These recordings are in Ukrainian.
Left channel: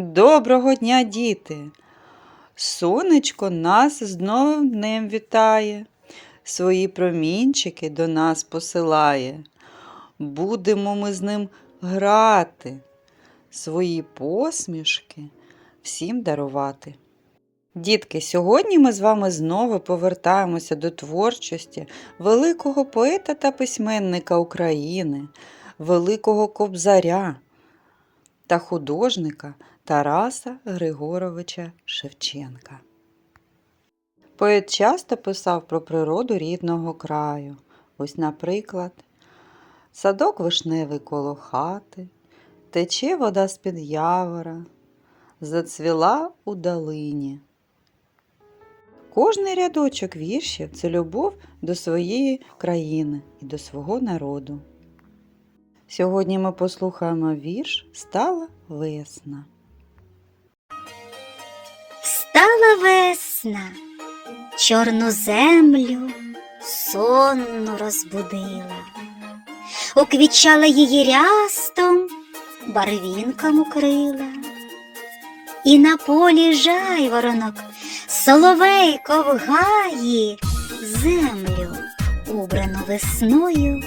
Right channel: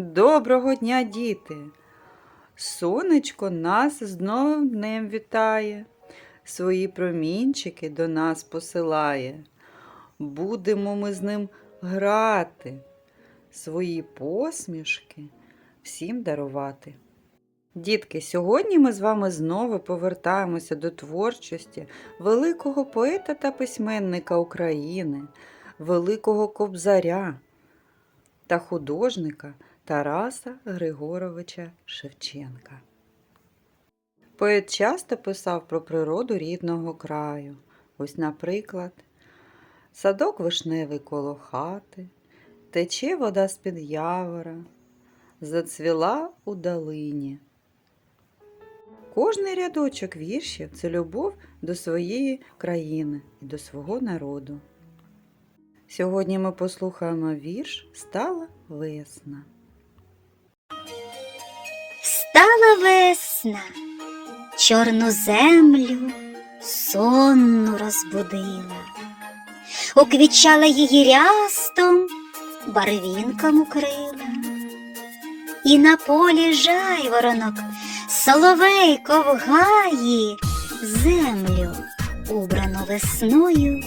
Доброго дня, діти! Сонечко нас з новим днем вітає, свої промінчики до нас посилає. Будемо ми з ним грати, свої посмішки всім дарувати. Дітки, сьогодні ми з вами знову повертаємося до творчості великого поета та письменника України, великого кобзаря та художника Тараса Григоровича Шевченка. Поет часто писав про природу рідного краю. Ось, наприклад, садок вишневий коло хати, тече вода з-під явора, зацвіла у долині. Кожний рядочок віршів це любов до своєї країни і до свого народу. Сьогодні ми послухаємо вірш Стала весна. Стала весна, чорну землю сонну розбудила, уквічала її рястом, барвінком укрила, і на полі жайворонок, соловейко в землю, убрану весною,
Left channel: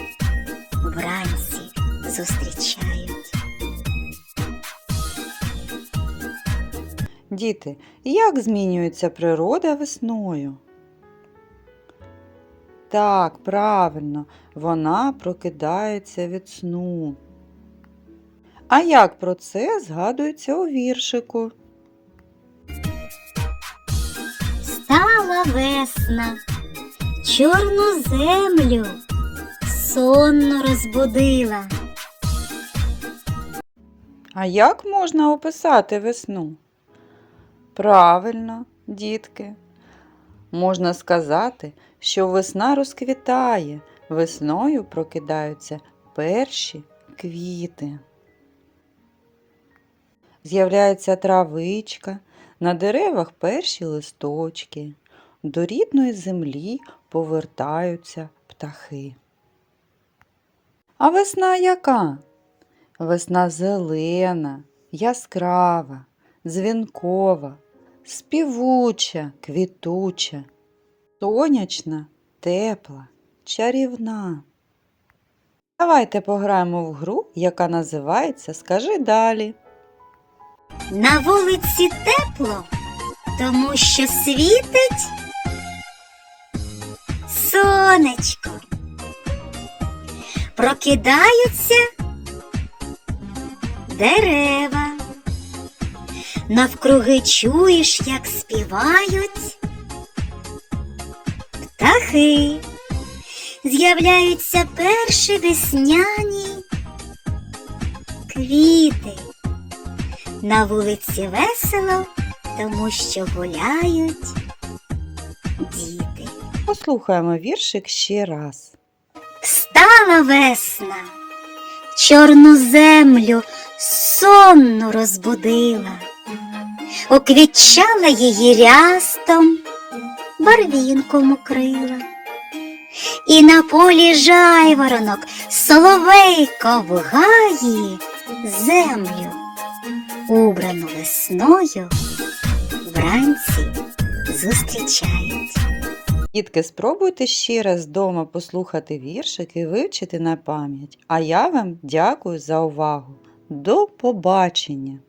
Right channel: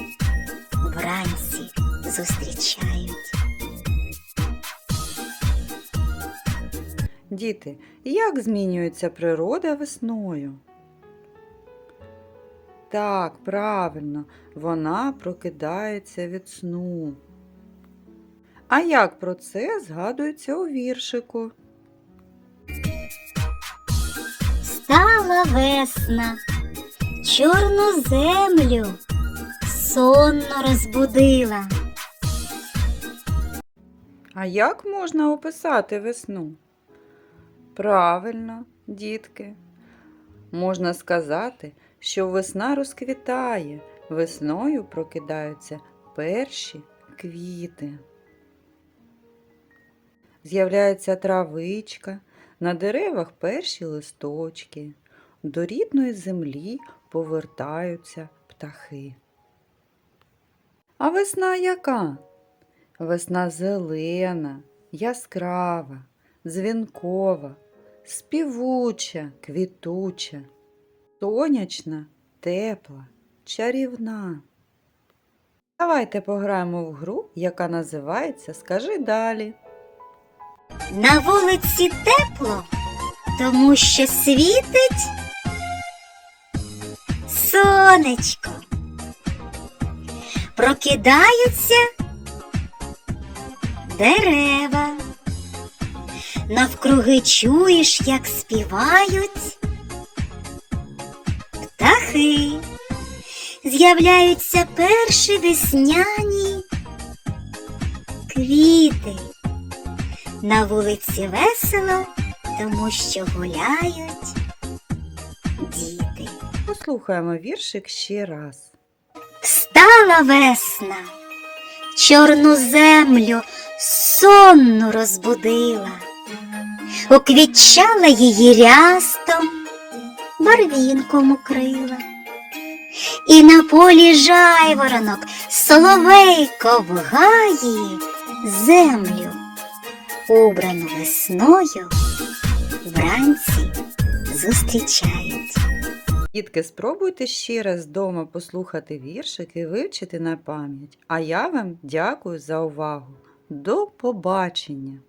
вранці зустрічають. Діти, як змінюється природа весною? Так, правильно, вона прокидається від сну. А як про це згадується у віршику? Стала весна, чорну землю сонно розбудила. А як можна описати весну? Правильно, дітки. Можна сказати, що весна розквітає, весною прокидаються перші квіти. З'являється травичка, на деревах перші листочки, до рідної землі повертаються птахи. А весна яка? Весна зелена, яскрава, дзвінкова, співуча, квітуча, сонячна, тепла, чарівна. Давайте пограємо в гру, яка називається Скажи далі. На вулиці тепло, тому що світить сонечко. Прокидаються дерева. Навкруги чуєш, як співають птахи. З'являються перші весняні квіти. На вулиці весело, тому що гуляють діти. Послухаємо віршик ще раз. Стала весна, чорну землю сонну розбудила, уквітчала її рястом, барвінком укрила. І на полі жайворонок, соловейко в землю, убрану весною, вранці зустрічають. Дітки, спробуйте ще раз вдома послухати віршик і вивчити на пам'ять. А я вам дякую за увагу. До побачення!